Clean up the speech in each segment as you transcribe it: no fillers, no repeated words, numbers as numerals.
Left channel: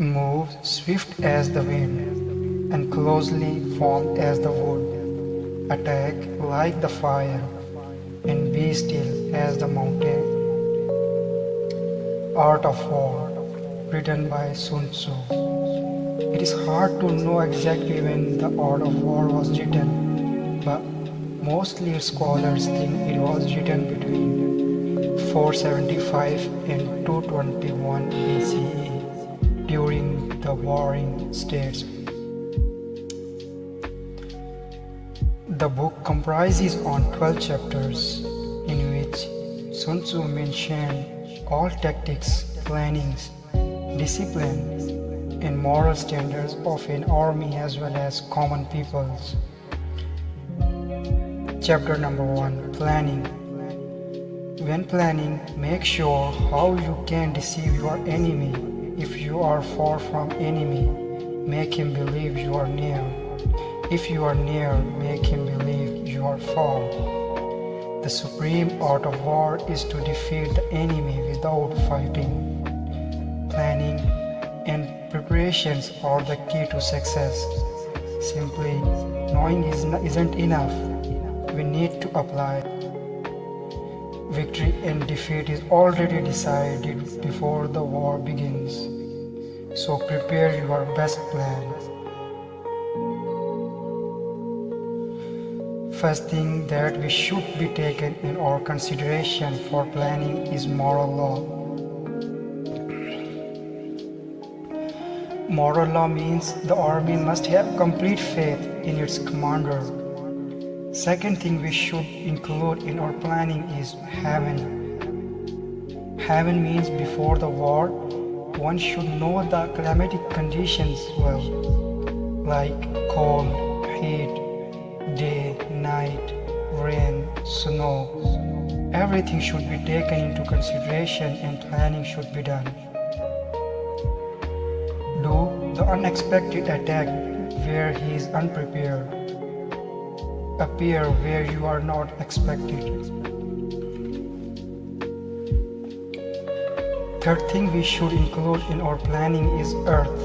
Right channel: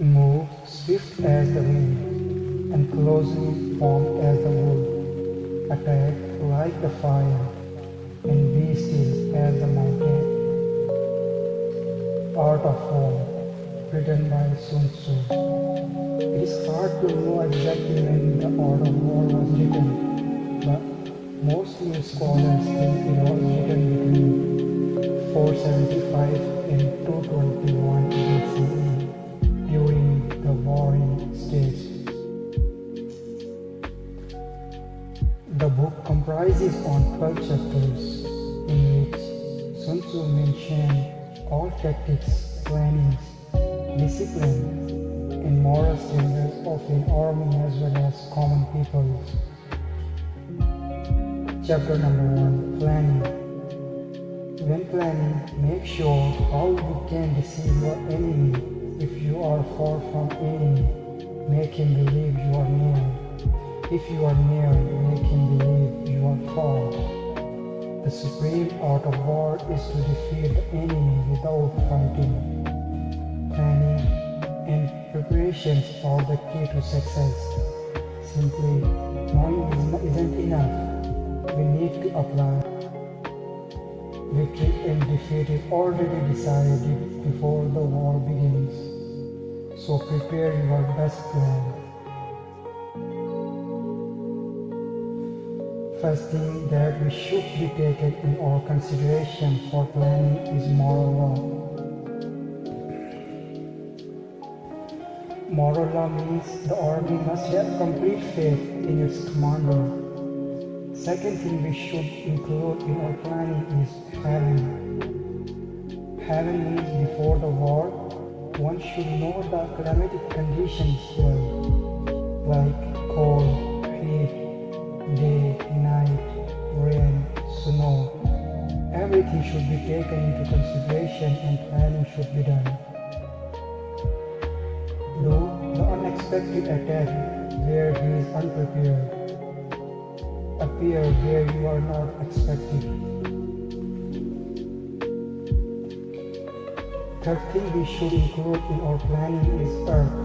Move swift as the wind, and closely formed as the wood. Attack like the fire, and be still as the mountain. Art of War, written by Sun Tzu. It is hard to know exactly when the Art of War was written, but mostly scholars think it was written between 475 and 221 BCE during the Warring States. The book comprises on 12 chapters in which Sun Tzu mentioned all tactics, plannings, discipline, and moral standards of an army as well as common peoples. Chapter number 1, Planning. When planning, make sure how you can deceive your enemy. If you are far from enemy, make him believe you are near. If you are near, make him believe you are far. The supreme art of war is to defeat the enemy without fighting. Planning and preparations are the key to success. Simply knowing isn't enough. We need to apply. Victory and defeat is already decided before the war begins. So prepare your best plan. First thing that we should be taken in our consideration for planning is moral law. Moral law means the army must have complete faith in its commander. Second thing we should include in our planning is heaven. Heaven means before the war, one should know the climatic conditions well, like cold, heat, day, night, rain, snow. Everything should be taken into consideration and planning should be done. Do the unexpected attack where he is unprepared. Appear where you are not expected. Third thing we should include in our planning is earth.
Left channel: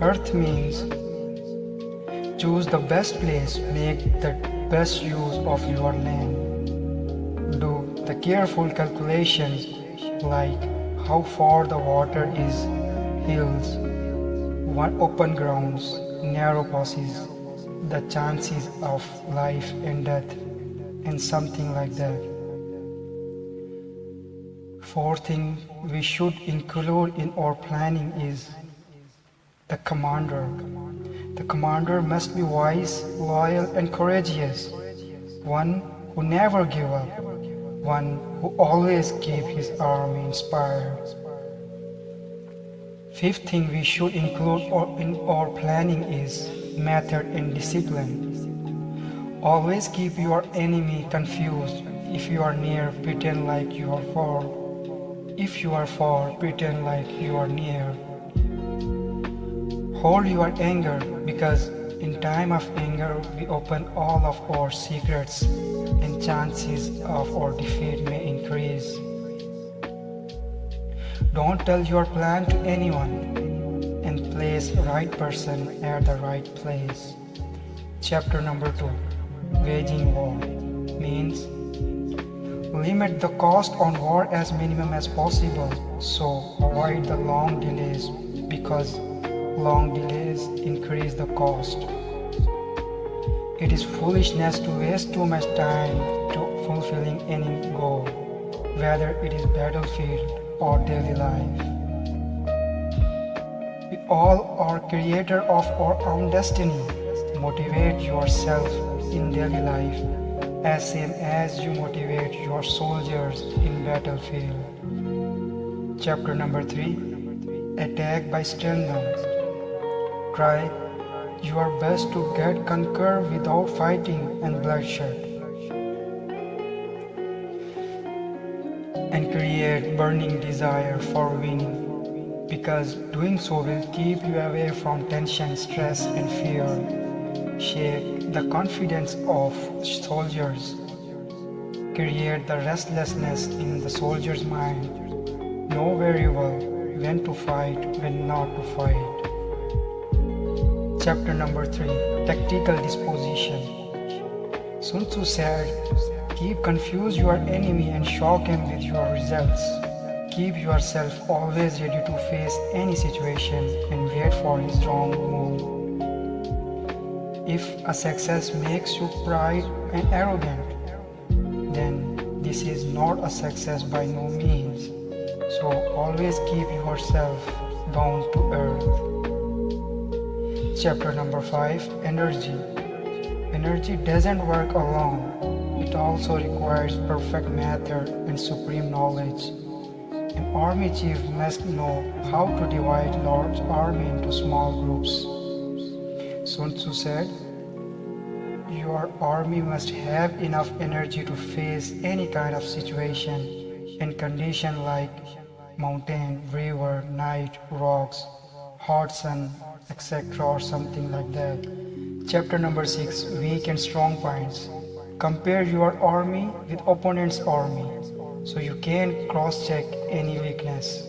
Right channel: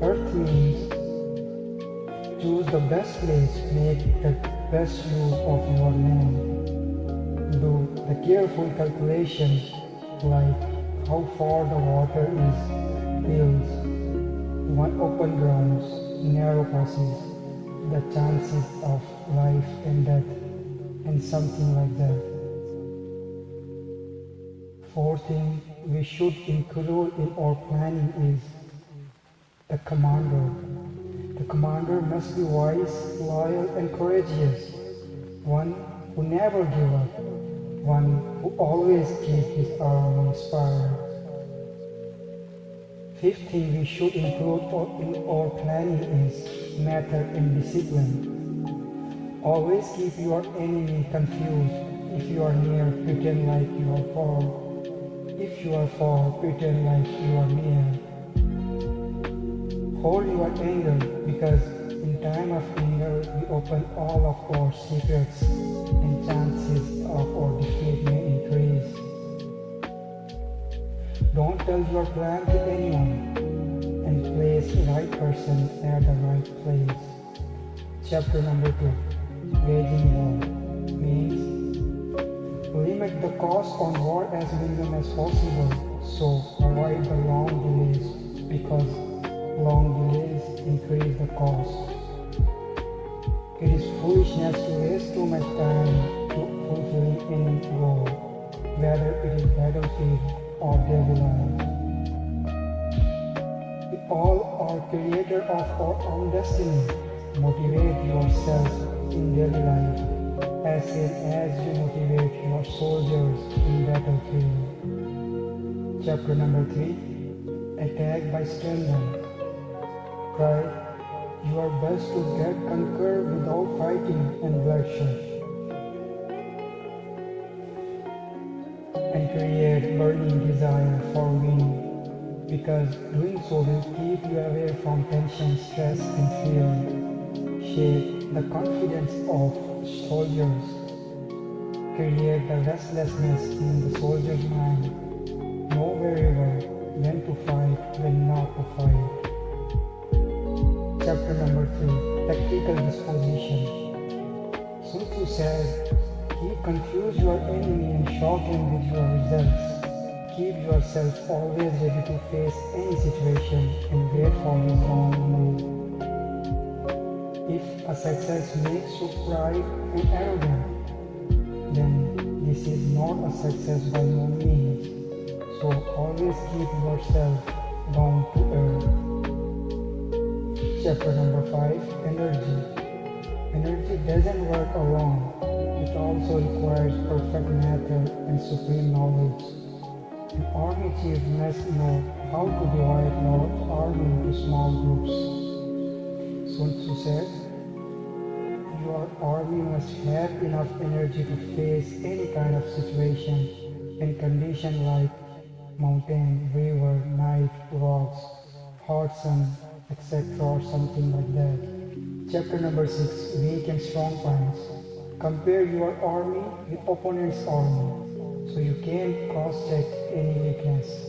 Earth means choose the best place, make the best use of your land. Do the careful calculations like how far the water is, hills, one open grounds, narrow passes, the chances of life and death, and something like that. Fourth thing we should include in our planning is the commander. The commander must be wise, loyal, and courageous. One who never gives up. One who always keeps his army inspired. Fifth thing we should include in our planning is method and discipline. Always keep your enemy confused. If you are near, pretend like you are far. If you are far, pretend like you are near. Hold your anger, because in time of anger we open all of our secrets and chances of our defeat may increase. Don't tell your plan to anyone, and place right person at the right place. Chapter number 2, Waging War, means limit the cost on war as minimum as possible. So avoid the long delays, because long delays increase the cost. It is foolishness to waste too much time to fulfilling any goal, whether it is battlefield or daily life. We all are creator of our own destiny. Motivate yourself in daily life as same as you motivate your soldiers in battlefield. Chapter number 3, Attack by Stealth. Try your best to get conquered without fighting and bloodshed, and create burning desire for winning, because doing so will keep you away from tension, stress, and fear. Shape the confidence of soldiers. Create the restlessness in the soldier's mind. Know very well when to fight, when not to fight. Chapter number 3, Tactical Disposition. Sun Tzu said, keep confuse your enemy and shock him with your results. Keep yourself always ready to face any situation and wait for his wrong move. If a success makes you proud and arrogant, then this is not a success by no means. So always keep yourself down to earth. Chapter number 5, Energy. Energy doesn't work alone. It also requires perfect method and supreme knowledge. An army chief must know how to divide large army into small groups. Sun Tzu said, your army must have enough energy to face any kind of situation and condition like mountain, river, night, rocks, hot sun, etc. or something like that. Chapter number 6, Weak and Strong Points. Compare your army with opponent's army so you can cross-check any weakness.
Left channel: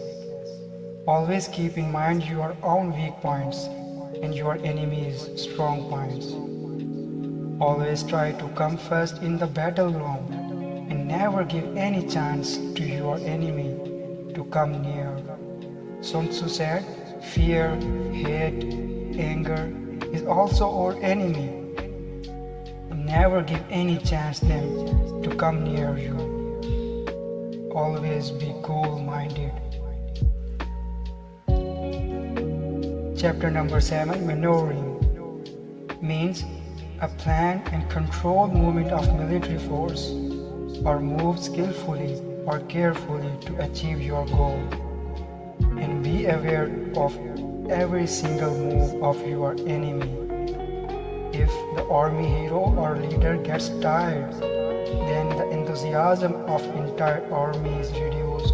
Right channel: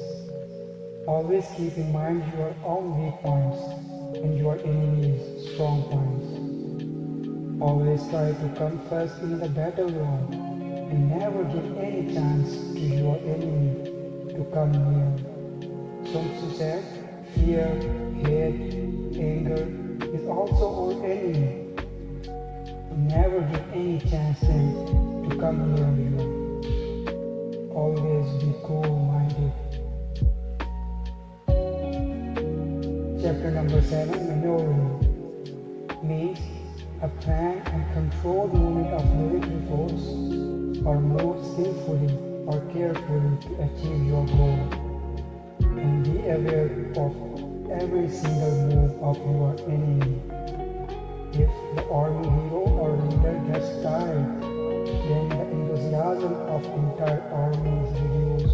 Always keep in mind your own weak points and your enemy's strong points. Always try to come first in the battleground and never give any chance to your enemy to come near. Sun Tzu said, fear, hate, anger is also our enemy. Never give any chance them to come near you. Always be cool-minded. Chapter number 7, Maneuvering, means a planned and controlled movement of military force or move skillfully or carefully to achieve your goal. And be aware of every single move of your enemy. If the army hero or leader gets tired, then the enthusiasm of entire army is reduced.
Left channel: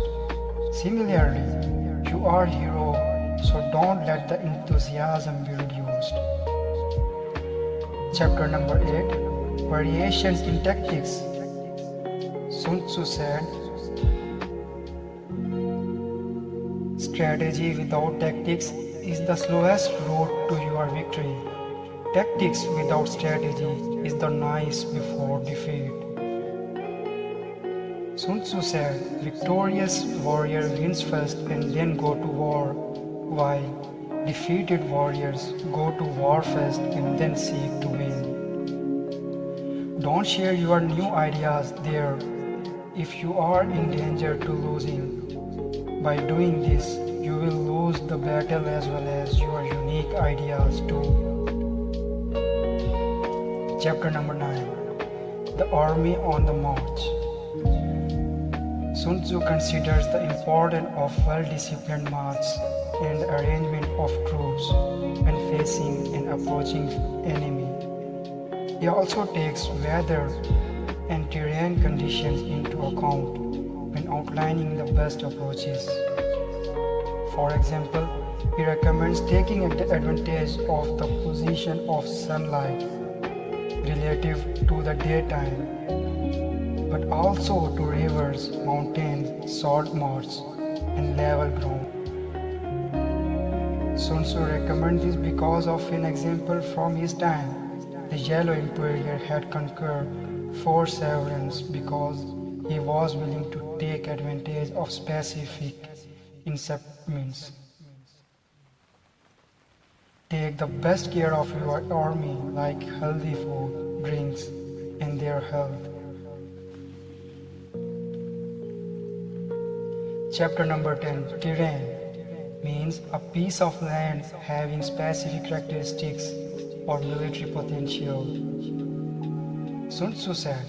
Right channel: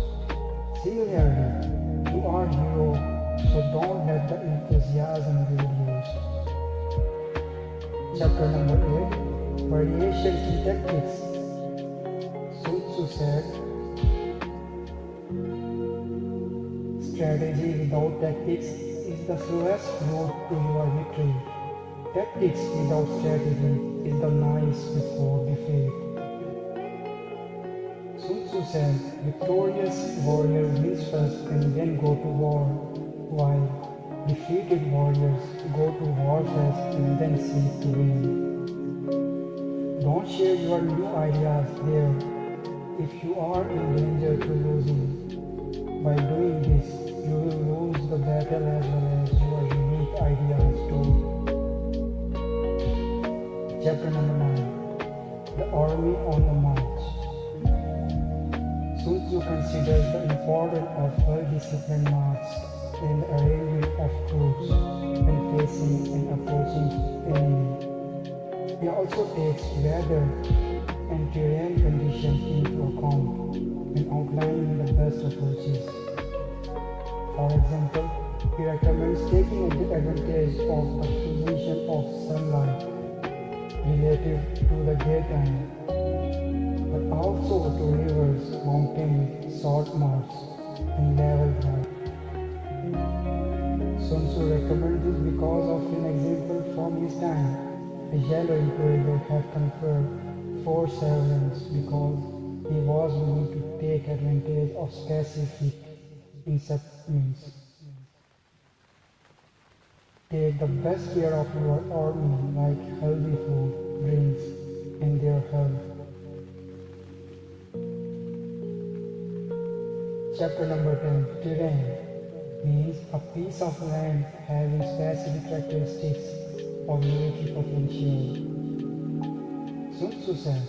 Similarly, you are hero, so don't let the enthusiasm be reduced. Chapter number 8, Variations in Tactics. Sun Tzu said, strategy without tactics is the slowest road to your victory. Tactics without strategy is the nice before defeat. Sun Tzu said, victorious warrior wins first and then go to war, while defeated warriors go to war first and then seek to win. Don't share your new ideas there if you are in danger to losing. By doing this, you will lose the battle as well as your unique ideas too. Chapter number 9, The Army on the March. Sun Tzu considers the importance of well-disciplined march and the arrangement of troops when facing and approaching enemy. He also takes weather and terrain conditions into account when outlining the best approaches. For example, he recommends taking advantage of the position of sunlight relative to the daytime, but also to rivers, mountains, salt marsh, and level ground. Sun Tzu recommends this because of an example from his time. The Yellow Emperor had conquered 4 sovereigns because he was willing to take advantage of specific incentives. Take the best care of your army like healthy food, drinks, and their health. Chapter number 10, Terrain, means a piece of land having specific characteristics or military potential. Sun Tzu said,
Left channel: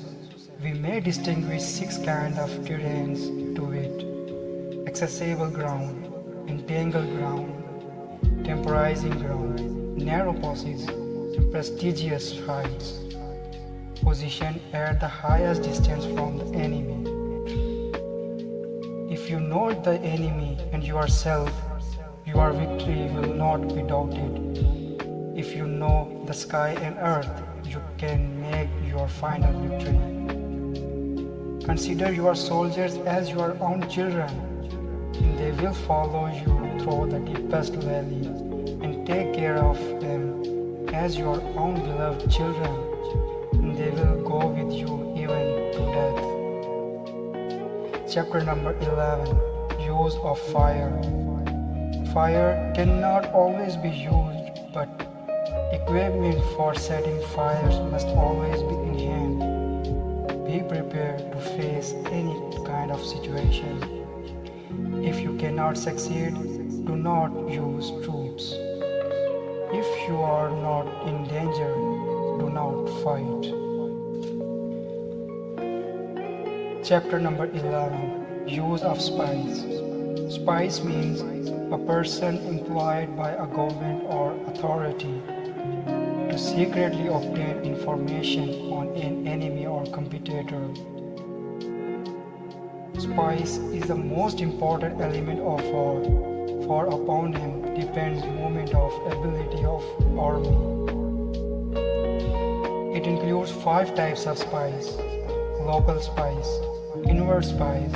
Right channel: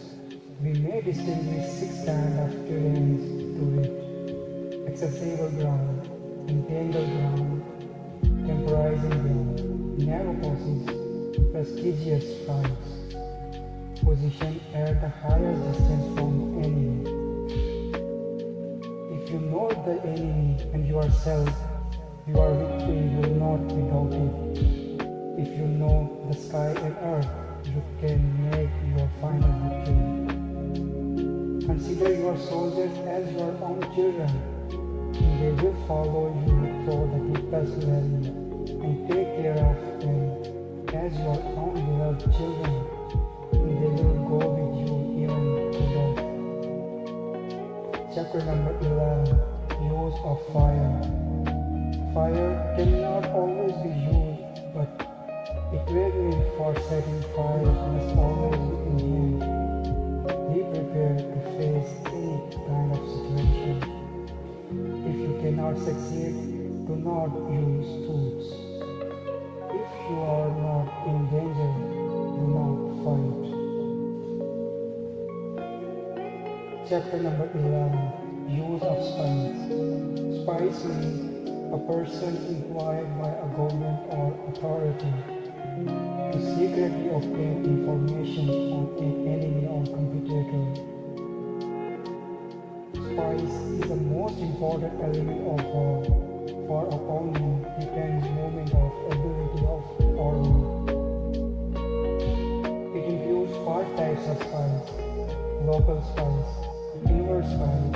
we may distinguish 6 kinds of terrains to wit: accessible ground, entangled ground, temporizing ground, narrow passes, and prestigious heights, positioned at the highest distance from the enemy. If you know the enemy and yourself, your victory will not be doubted. If you know the sky and earth, you can make your final victory. Consider your soldiers as your own children. In They will follow you through the deepest valley and take care of them as your own beloved children. They will go with you even to death. Chapter number 11. Use of fire. Fire cannot always be used, but equipment for setting fires must always be in hand. Be prepared to face any kind of situation. If you cannot succeed, do not use troops. If you are not in danger, do not fight. Chapter number 11. Use of spies. Spies means a person employed by a government or authority to secretly obtain information on an enemy or competitor. Spies is the most important element of war, for upon him depends movement of ability of army. It includes 5 types of spies: local spies, inward spies,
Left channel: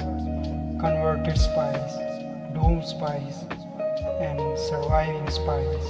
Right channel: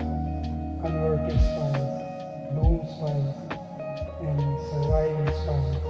converted spies, doomed spies, and surviving spies.